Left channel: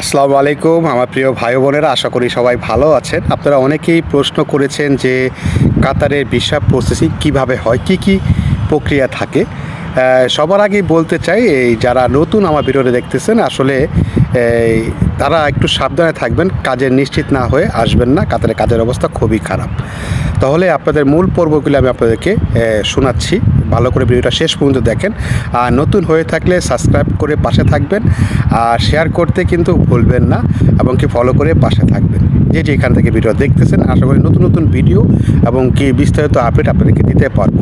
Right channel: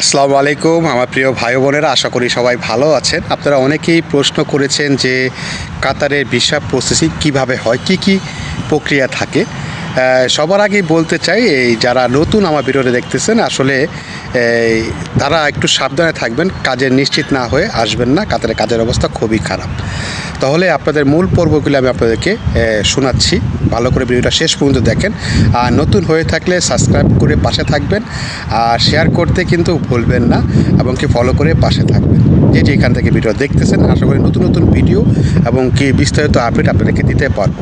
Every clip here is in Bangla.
আসসালামু আলাইকুম, আমার প্রিয় ভাই বোনেরা, আশা করি সবাই ভালো আছেন। আপনারা অনেকেই প্রশ্ন করেছেন যে কাতারের ভিসা প্রসেসিং কীভাবে হয়, কি কি প্রক্রিয়া থাকে। সবার আগেই বলতে চাই, এই যারা নতুন আমার ভিডিওটা দেখতেছেন, আসলে তারা একটু সাবধানে থাকবেন কাজের নিশ্চিত না হয়ে আসবেন না কাতারের কাজের অবস্থা খুবই খারাপ। তাহলে আপনাদের মূল পর্বগুলি আমি আপনাদেরকে শোনাচ্ছি, ভালো করে ভিডিওটা শেষ পর্যন্ত দেখেন। আর নতুন হয়ে থাকলে সাবস্ক্রাইব করে পাশে থাকবেন, আর শেয়ার করতে কিন্তু ভুলবেন না, এবং কি ফলো করে পাশে থাকবেন। যে এখান থেকে ভিডিও দেখতেছেন, আশা করি নতুন নতুন ভিডিও এবং কি বিস্তারিত আপডেট আপনাদেরকে দিতে পারব।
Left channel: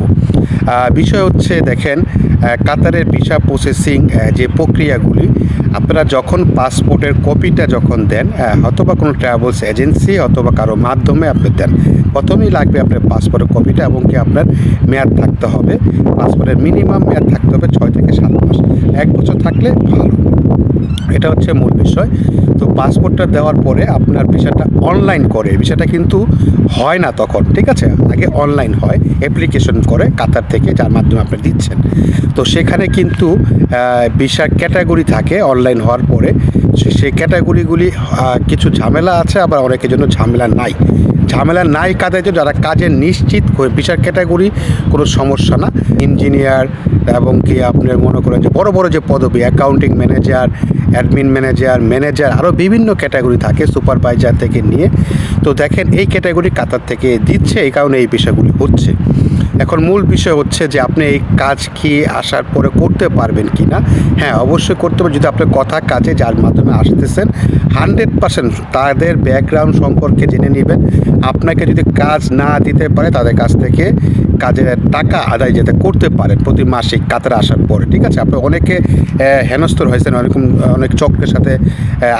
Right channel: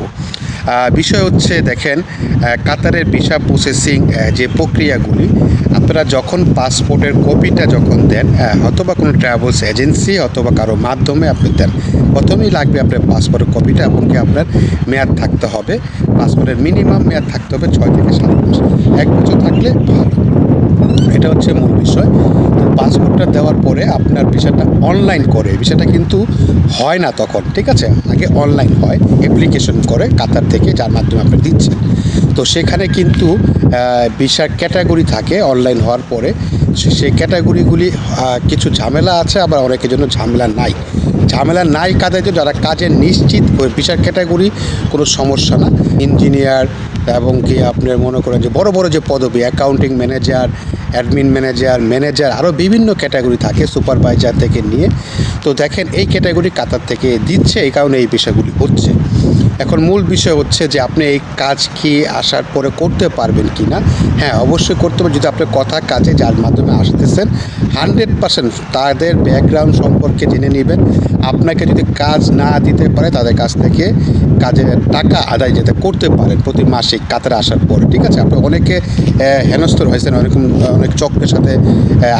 বিষয় হচ্ছে দেখেন কাতারের ভিসা প্রসেসিং যে প্রক্রিয়াগুলি, আপনারা যখন পাসপোর্টের কপিটা যখন দেন অথবা কোনো ট্রাভেলস এজেন্সি অথবা কারও মাধ্যমে আপনি দেন, প্রথমেই লাগবে আপনার পাসপোর্টের কপিটা এবং কি আপনার মেয়াদ থাকতে হবে। পাসপোর্টের মিনিমাম মেয়াদ থাকতে হবে ছয় থেকে সাত মাস। এক বছর থাকলে ভালো। এটা হচ্ছে মূল বিষয়। পাসপোর্টটা দেওয়ার পরে আপনার বিষয়টা অনলাইন করে। বিষয়টা কিন্তু হয় না তখন, ঠিক আছে? আগে অনলাইন হয় অ্যাপ্লিকেশন করে কাতার থেকে, যার মাধ্যমে আপনি দিচ্ছেন। তো সেখানে কিন্তু ভিসার ক্যাটাগরি থাকে অনলাইন হওয়ার পরে। সেই ক্যাটাগরিগুলি কিছু ঝামেলা আছে, আবার অনেকের জন্য ঝামেলা নাই। ঝামেলা নাই কাদের জন্য? যারা কাজে নিশ্চিত বিশাল ক্যাটাগরি কোনো সমস্যা না। ইঞ্জিনিয়ার এবং কি আপনার মনে করেন যে বড় বড় যে পদবি accounting manager admin manager manager আরও বিভিন্ন ক্যাটাগরি থাকে সুপারভাইজার থেকে নিয়ে। তো দেখেন এই ক্যাটাগরি কাতার থেকে দিচ্ছে, এই কারণে এই পেশাগুলি হচ্ছে। এখন মূল বিষয় হচ্ছে যে আপনি এই কাজ কি আসার পরে করতে পারবেন কি না? হ্যাঁ অবশ্যই করতে পারবেন যদি আপনার কথা কাজে যার মাধ্যমে আসতেছেন হান্ড্রেড পার্সেন্ট তাদের ব্যাকগ্রাউন্ড সম্পর্কে জেনে নেবেন। আপনাকে যদি কাজ না দিতে পারে, তাদের কাছ থেকে কাজের টাকা আদায় যেতে করতে পারেন প্রতি মাসে কাতারে আসার পরে, ঠিক আছে? আপনি অনেকে হেনস্থর হয়েছেন, অনেক অনেক চক্রের সাথে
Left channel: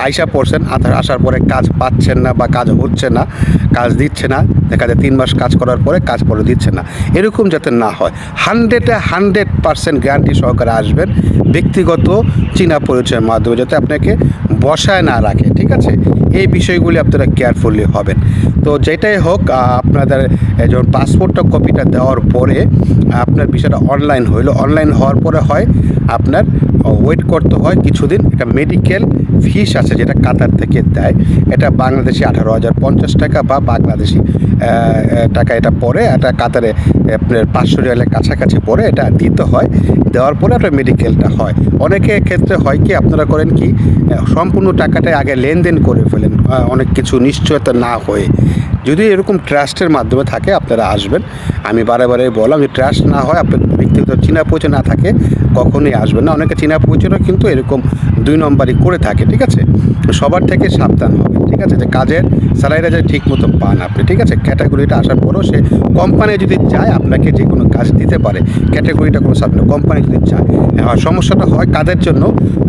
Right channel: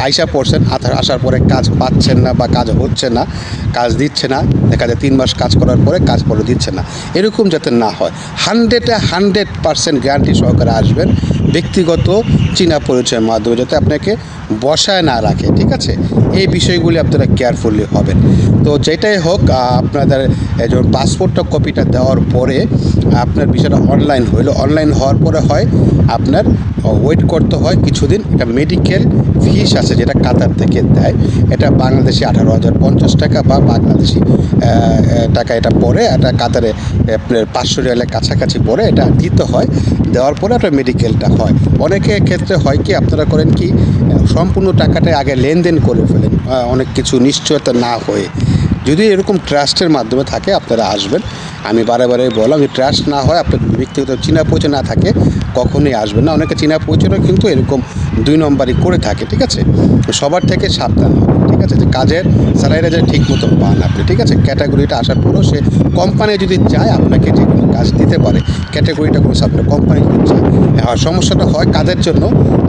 আইসা পড়ছেন আসার পরে কাজ পাচ্ছেন না বা কাজ হচ্ছে না, কাজ দিচ্ছে না, দেখা যায় তিন মাস কাজ করার পরে কাজ পরে দিচ্ছে না। এরকম যাতে না হয়। হান্ড্রেডে হান্ড্রেড পার্সেন্ট গ্যারান্টি সহকারে আসবেন। ব্যক্তিগত চীনা পরিচয়ের মাধ্যমে যাতে আপনাকে বসায় না রাখে, ঠিক আছে? এই বিষয়গুলি আপনারা কেয়ারফুলি হবেন। তো যেটাই হোক আপনাদের যখন পাসপোর্টটা কপিটা দেওয়ার পরে, আপনার বিষয়টা অনলাইন হইল। অনলাইন হওয়ার পরে হয় আপনার ওয়েট করতে হয় কিছুদিন। একটা মেডিকেল ফিস আছে যেটা কাতার থেকে দেয়। এটা বাংলাদেশি আঠারো হাজার পঞ্চাশ টাকা বা বাংলাদেশি টাকা এটা পড়ে। এটা কাতারে আপনার পাঁচশো রিয়ালের কাছাকাছি পড়ে, এটা দিতে হয়। দেওয়ার পরে আপনার মেডিকেলটা হয়। অনেকের ক্ষেত্রে হয় কি, আপনারা করেন কি, সম্পূর্ণ টাকাটাই আগে লেনদেন করে ফেলেন অনেক কিছু নিশ্চয়তা না হয়ে। যদি এরকম ট্রাস্টের মাধ্যমে থাকে, আপনারা আসবেন। আমি বারে বারে বললাম যে ট্রাস্ট না হয় আপনার ব্যক্তিগত চীনা পরিচয় না থাকে, কখনোই আসবেন না। অনেকে চীনা পরিচয়ও কিন্তু এরকম দুই নম্বরই করে থাকে, ঠিক আছে? সবার থেকে সাবধান হবে, ঠিক আছে? যে কাজের স্যালারিটা যে ঠিক মতো পান আপনি, ঠিক আছে? ক্যাটাগরিটা আসার পরেও সে কোম্পানি যদি চায়, আপনাকে যে কোনো কাজ দিতে পারে, ক্যাটাগরিটা কোনো সাবজেক্ট কোম্পানি যদি চায়। আর সমস্যাটা হয় কাদের জন্য?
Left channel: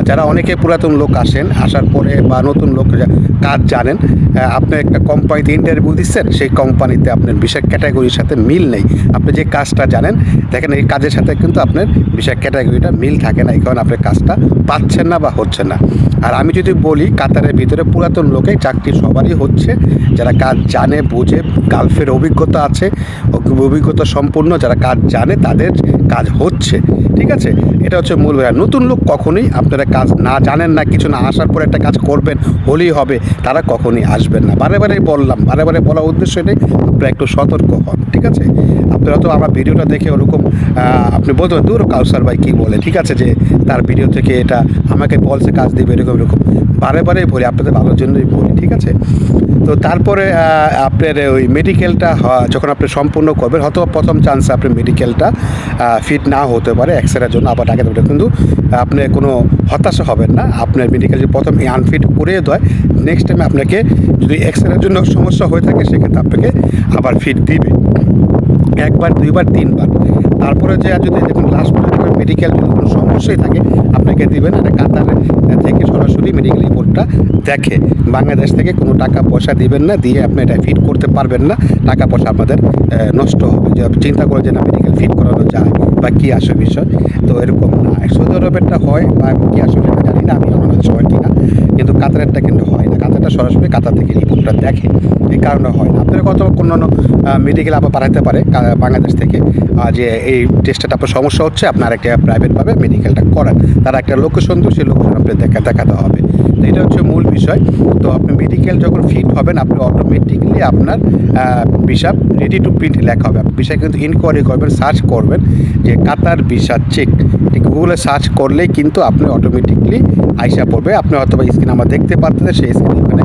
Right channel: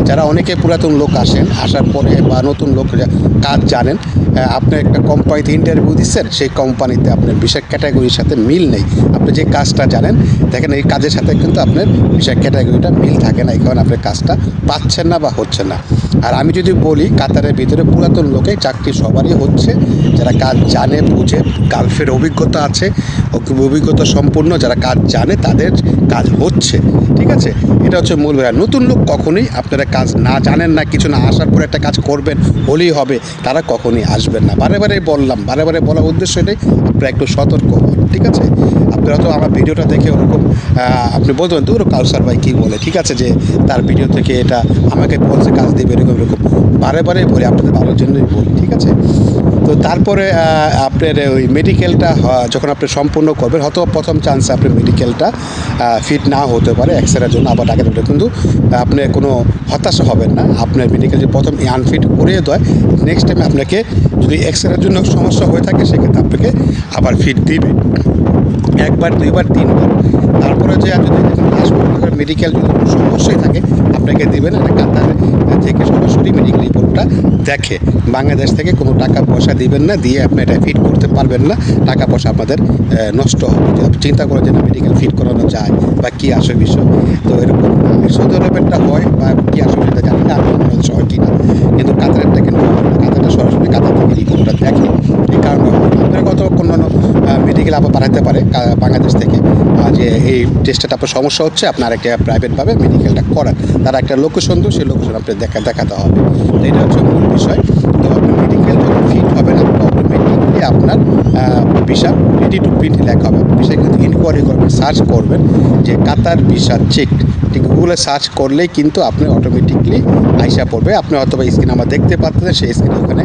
যারা অনেকে পুরাতন লোক আসেন, আসার পরে বা নতুন লোক কাজ জানেন আপনি একটা কোম্পানিতে ইন্টারভিউ দিচ্ছেন, সেই কোম্পানিতে আপনার বিশেষ ক্যাটাগরির সাথে মিল নেই। আপনি যে কাজটা জানেন, দেখেন এই কাজের সাথে কিন্তু আপনার বিশেষ ক্যাটাগরিটা মিল থাকে না, এই কারণে আপনি কাজটা পাচ্ছেন না বা হচ্ছে না। আর আমি যদি বলি, কাতারের ভিতরে পুরাতন লোকে চাকরি সবারই হচ্ছে, যারা কাজ জানে, বুঝে, গালফের অভিজ্ঞতা আছে অভিজ্ঞতা সম্পূর্ণ যারা কাজ জানে তাদের কাজ হচ্ছে, ঠিক আছে? এটা হচ্ছে মূল ব্যাপার। নতুন লোক কখনোই আপনারা কাজ না জানেন না, কিছু না আসার পরে একটা কাজ করবেন, হলেই হবে, তারা কখনই আসবেন না। বারে বারে বললাম, বারে বারে বলার উদ্দেশ্য এটাই, আপনারা একটু সতর্ক হন, ঠিক আছে? আপনারা তো আমার ভিডিওটা দেখে ওরকম আপনি বলতে দূর কাউসার ভাই কী বলে? ঠিক আছে যে তার ভিডিও থেকে এটা আমাকে বলছে, কাজ দিবে, এরকম এরকম। বারে বারে বলি, আপনাদের ভালোর জন্যই বলি, ঠিক আছে? তো তারপরে আপনার ওই মেডিকেলটা যখন আপনি সম্পূর্ণ করবেন, হয়তো প্রথম চান্সে আপনি মেডিকেলটা ফিট না হতে পারে এক্সরের জন্য, আবার ডাকে দেবে কিন্তু আপনি কোনো হতাশা হবেন না, আপনার মেডিকেল যদি প্রথম আনফিট করে দেয় নেক্সট টাইমে আপনাকে যদি এক্সরের জন্য সমস্যা হয়ে থাকে, সেক্ষেত্রে আপনাকে আবার ফিট দিবে। একবার দুইবার তিনবার। তারপরে যে আর যদি দেখুন লাস্ট মেডিকেল যদি কোনো সমস্যাই থাকে, আপনাকে দিবেন এটা কাতার থেকে সরাসরি মেডিকেল রিপোর্টটা দেখে। বাংলাদেশ থেকে কোনো টাকা পয়সা দিবেন না, দিয়ে আপনি এটা ফিট করতে পারবেন না, টাকা পয়সা আপনাদের নষ্ট হবে। যে আপনি চিন্তা করে যে না মেডিকেল ফিট করানো যায় বা কী আসে বিষয়, তো এরকম না। সৌদি আরবেরটা হয় বা কী আসে সেটা জানি না, আমি হয় কি না কিন্তু কাতারেরটা কিন্তু হয় না। কাতারটা সরাসরি কাতার থেকে রিপোর্টটা দেখে। এই কারণে হয় না। আপনারা কত কোনো মেডিকেল আবার পাঠাতে পারে বাংলাদেশ থেকে। যে এই টেস্টটা আপনার সমস্যা হচ্ছে, আপনার প্রাইভেটভাবে মেডিকেলটা করান তার একটা লোকেশন তো, সেই লোকেশন আপনি দেখা, দেখাতে হবে। তো এটা হচ্ছে মূল বিষয়। তো আপনি মেডিকেল যখন ফিট হবেন, আপনি অটোমেটিকলি আপনার ভিসা রেডি টু প্রিন্ট লেখা হবে। আপনি ভিসা কিন্তু ইনকোয়ারি করবেন সার্চ করবেন, যে কাতার ভিসা চেক ঠিক গুগলে সার্চ করলেই কিন্তু আপনি অটোমেটিকলি আইসা পড়বে। আপনি হয়তো বা স্ক্রিন আমার দেখতে পাচ্ছেন সেই স্ক্রিন ওখানে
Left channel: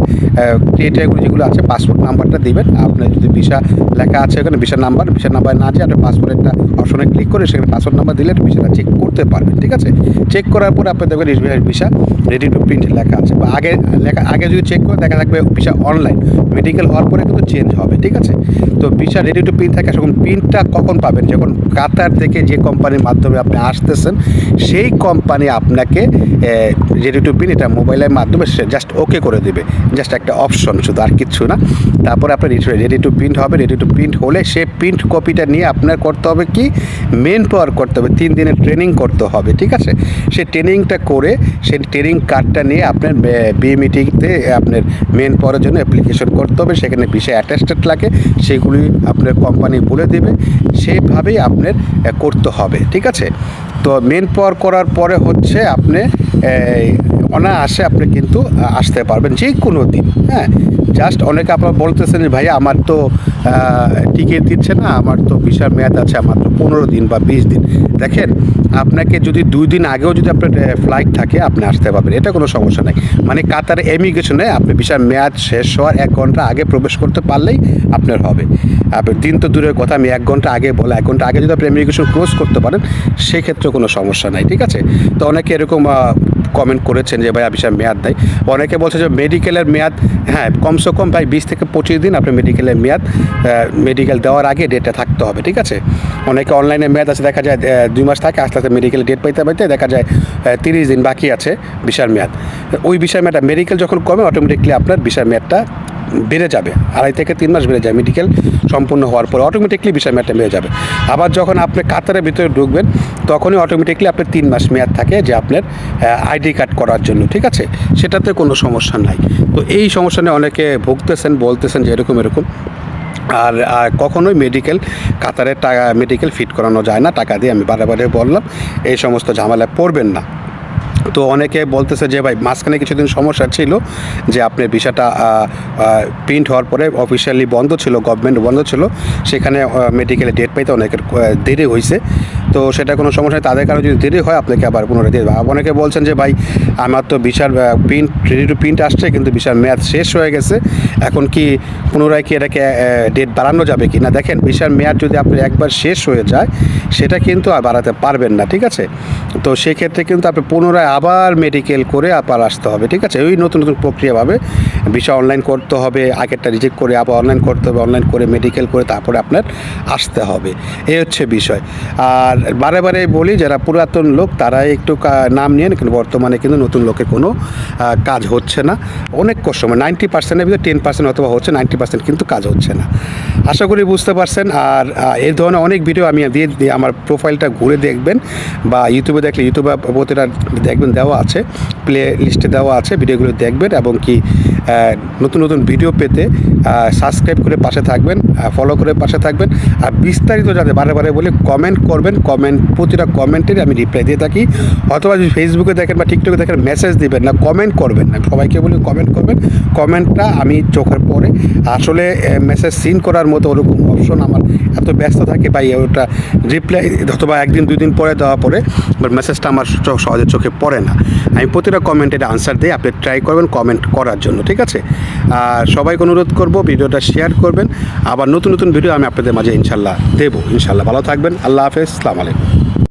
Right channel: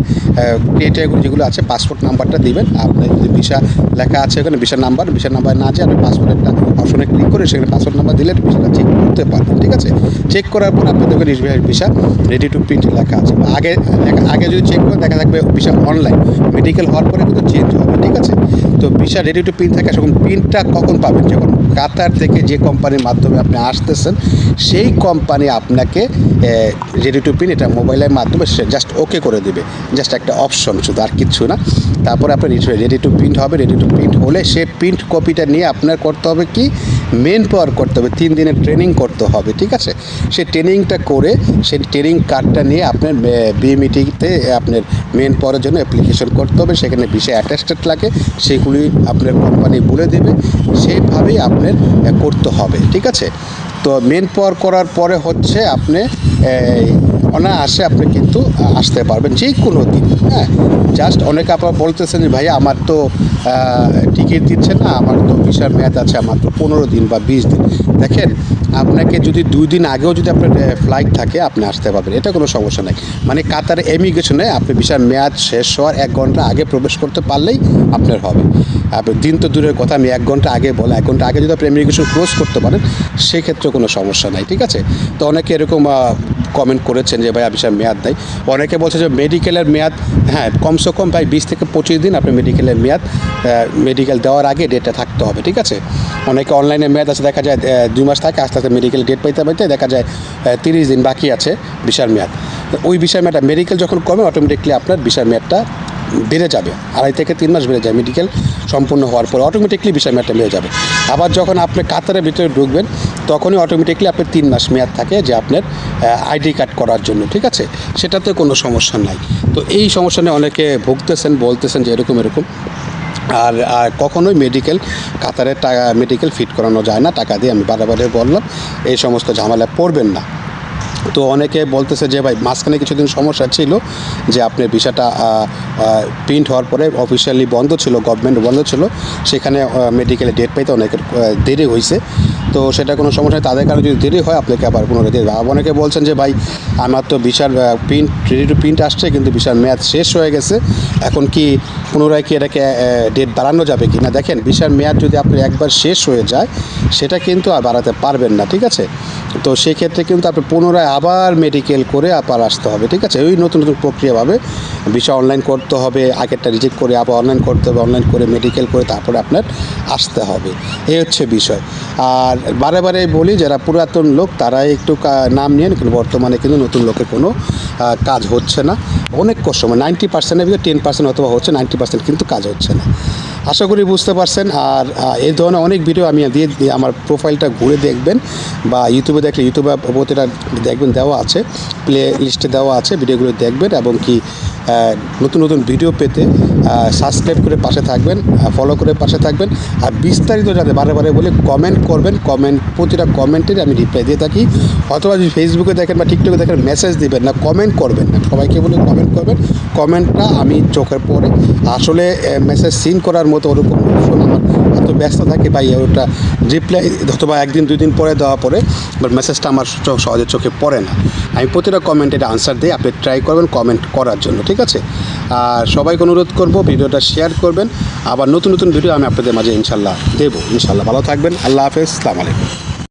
ক্রিয়েটারগুলো যেগুলো আছে পাসপোর্ট নাম্বারটা দিবেন। আপনার যদি ভিসা লেখা আছে ওখানে ভিসা নাম্বার ভিসা নাম্বার না আছে আপনি পাসপোর্ট একটা অপশনে ক্লিক করে সেখানে পাসপোর্ট নাম্বার দিলে ভিসাটা চেক করতে পারবেন, ঠিক আছে? চেক করার পর আপনি দেখবেন ভিসা রেডি টু প্রিন্ট লেখা আছে। বা আগে, লেখা, আগে যদি চেক করে দেখা থাকবে ভিসা অনলাইন মেডিকেল হওয়ার পরে কিন্তু চেঞ্জ হবে, ঠিক আছে? তো ভিসা রেডি টু প্রিন্ট থাকে, সেরকম প্রিন্টটা কখন পাবেন? যখন কাতার থেকে যে কোম্পানির মাধ্যমে আপনি আসতেছেন, সেই কোম্পানি আপনাকে রেডি টু প্রিন্ট এটা মোবাইলের মাধ্যমে সে জাস্ট ওকে করে দেবে। জাস্ট একটা অপশন শুধু আর কিচ্ছু না। তারপরে আপনার রেডি টু প্রিন্ট হবে। রেডি টু প্রিন্ট হলে সে প্রিন্ট কপিটা নিয়ে আপনার করতে হবে কি? মেন পাওয়ার করতে হবে। তিন দিনের ট্রেনিং করতে হবে, ঠিক আছে? সে ট্রেনিংটা করে সেই ট্রেনিং কার্ডটা নিয়ে আপনার বিএমইটিতে আপনার মেন পাওয়ারের জন্য অ্যাপ্লিকেশন করতে হবে, সেখানে বিষয় অ্যাটাস্টেড লাগে, সেগুলি আপনার কোম্পানি বলে দেবে সেইভাবেই আপনার করতে হবে, ঠিক আছে? তো মেন পাওয়ার করার পরে হচ্ছে আপনি অনায়াসে আপনি কিন্তু আসতে পারবেন যে কোনো দিন হ্যাঁ? জাস্ট অনেকে আপনার বলতেছেন যে, ভাইয়া, আমার তো টিকিট দিচ্ছে না, আমার তো ভিসার মেয়াদ আছে মাত্র পনেরো দিন বা বিশ দিন। দেখেন, আপনাকে যদি দুই দিন আগেও যদি আপনার ফ্লাইট থাকে, আপনি আসতে পারবেন, এটা কোনো সমস্যা নাই। মানে কাতার এমিগ্রেশনে আপনি ভিসার মেয়াদ শেষ হওয়ার এক ঘণ্টা আগে প্রবেশ করতে পারলেই আপনার হবে। আপনি দিন তো দূরের কথা, আমি এক ঘণ্টা আগে বলে, এক ঘণ্টা আগে যদি আপনি ইমিগ্রেশন ক্লোজ করতে পারেন সেক্ষেত্রে কোনো সমস্যা নাই, ঠিক আছে? তো অনেকে এরকম কমেন্ট করেছেন যে, ভাই ভিসার মেয়াদ নেই। অনেকে বলছে যে মেডিকেলের মেয়াদ হ্যাঁ কমসে কম ভাই বিশ থেকে পঁচিশ দিন আপনি মেডিকেলের মেয়াদ মেডিকেল দেওয়ার আগে ডেটটা থাকতে হবে, ঠিক আছে? অনেকে অনলাইনে মেয়াদ আছে, দেখা যায় দুই মাস থাকে, আস্তে আস্তে মেডিকেল ডেট পাইতে পাইতে দেখা যায় তিরিশ দিন বাকি আছে বিশার মেয়াদ। ওই বিশার মেয়াদটা মেডিকেল যখন কমে অটোমেটিকলি আপনার বিশার মেয়াদটা বেড়ে যাবে। আড়াই থেকে তিন মাস বেড়ে যায় মেডিকেল সম্পূর্ণ হওয়ার পরে অটোমেটিকলি বিষয় মেয়াদটা বেড়ে যাবে। আবার যখন আপনি কাতারের ভিতরে ঢুকবেন তখনই অটোমেটিকলি আপনার তিন মাস মেয়াদ থাকে যে আপনার আইডি কার্ড করার জন্য, ঠিক আছে? সেটাতে কোনো সমস্যা নাই। তো এই সমস্যা নিয়ে অনেকে ভুগতেছেন, বলতেছেন যে এরকম এরকম। আর আর কখনোই মেডিকেল কাতারের টাকা মেডিকেল ফিট করানো যায় না। টাকা দিয়ে আমি বারে বারে বললাম, এই সমস্ত ঝামেলায় পড়বেন না। তো অনেকে বলতেছে যে, ভাই, মাঝখানে কিছুদিন সমস্যা ছিল যে আপনার ভিসাটা প্রিন্ট হওয়ার পরে অফিসিয়ালি বন্ধ ছিল গভর্নমেন্ট বন্ধ ছিল। সেখানে মেডিকেলে ডেট পাইতে অনেকের দেরি হয়েছে তো সেটা কোনো সমস্যা তাদের কারণে যদি দেরি হয়, আপনাকে আবার পুনরায় দিয়ে দেবে। অনেকে বলছেন যে, ভাই, আমার তো বিশাল প্রিন্ট রেডি টু প্রিন্ট আসছে, কিন্তু বিশাল মেয়াদ শেষ হয়ে গেছে। এখন কি পুনরায় কি এটাকে ডেট বাড়ানো যাবে কি না? দেখেন, বিশাল মেয়াদ যদি আপনি একবার শেষ হয়ে যায়, সেটা কিন্তু আর বাড়াতে পারবেন না, ঠিক আছে? তো সেক্ষেত্রে কিন্তু আপনি পুনরায় আবার মেডিকেল করে আবার আসতে হবে, ঠিক আছে? ওই নতুন নতুন প্রক্রিয়াভাবে বিষয় অনলাইন করতে হবে, আগেরটা রিজেক্ট করে আবার অনলাইন করতে হবে অনলাইন করে মেডিকেল করে তারপরে আপনার আসতে হবে। এই হচ্ছে বিষয়। আর বারে বারে বলি, যারা পুরাতন লোক, তারাই একটু নাম নিয়ে কিন্তু বর্তমানে কিন্তু নতুন লোকের কোনো কাজ হচ্ছে না। অনেক কষ্ট মানে নাইনটি পার্সেন্টের ভিতরে টেন পার্সেন্ট অথবা হচ্ছে নাইনটি পার্সেন্ট কিন্তু কাজ হচ্ছে না। আশা করি বুঝতে পারছেন। আর এই ধরনের অনেক ভিডিও আমি দিয়ে দিয়ে আমার প্রোফাইলটা ঘুরে দেখবেন, বা ইউটিউবে দেখলে ইউটিউবে প্রতিটা দেখবেন দেওয়া আছে প্লে লিস্টে দেওয়া আছে ভিডিওগুলো দেখবেন, এবং কি নতুন নতুন ভিডিও পেতে সাবস্ক্রাইব করে পাশে থাকবেন ফলো করে পাশে থাকবেন, আর বিস্তারিত যাতে বারে বারে বলে কমেন্ট করবেন কমেন্ট প্রতিটা কমেন্টের আমি রিপ্লাই দিয়ে থাকি। অথবা যদি ফেসবুকে দেখেন বা টিকটকে দেখেন মেসেজ দিবেন না কমেন্ট করবেন না। সবাইকে বলে কমেন্ট করবেন। কমেন্টটা আমি চোখের পরে, আসলে মেসেজ সিন করার মতো ওরকম অপশন আমার এত ব্যস্ত থাকে বা ওটা রিপ্লাই অথবা একদিন দুই দিন পরে দেওয়া পরে বাট মেসেজটা আমার চোখ- সহজে চোখে পড়ে না। আমি প্রতিটা কমেন্টের আনসার দিই আপনি ট্রাই করবেন কমেন্ট করার জন্য, ঠিক আছে? আর সবাইকে অনুরোধ করব ভিডিওটা শেয়ার করবেন। আবার নতুন নতুন ভিডিও আমি আপনাদের মাঝে ইনশাল্লাহ দেবো। ইনশাল্লাহ ভালো থাকবেন। আল্লাহ হাফেজ। সালাম আলাইকুম।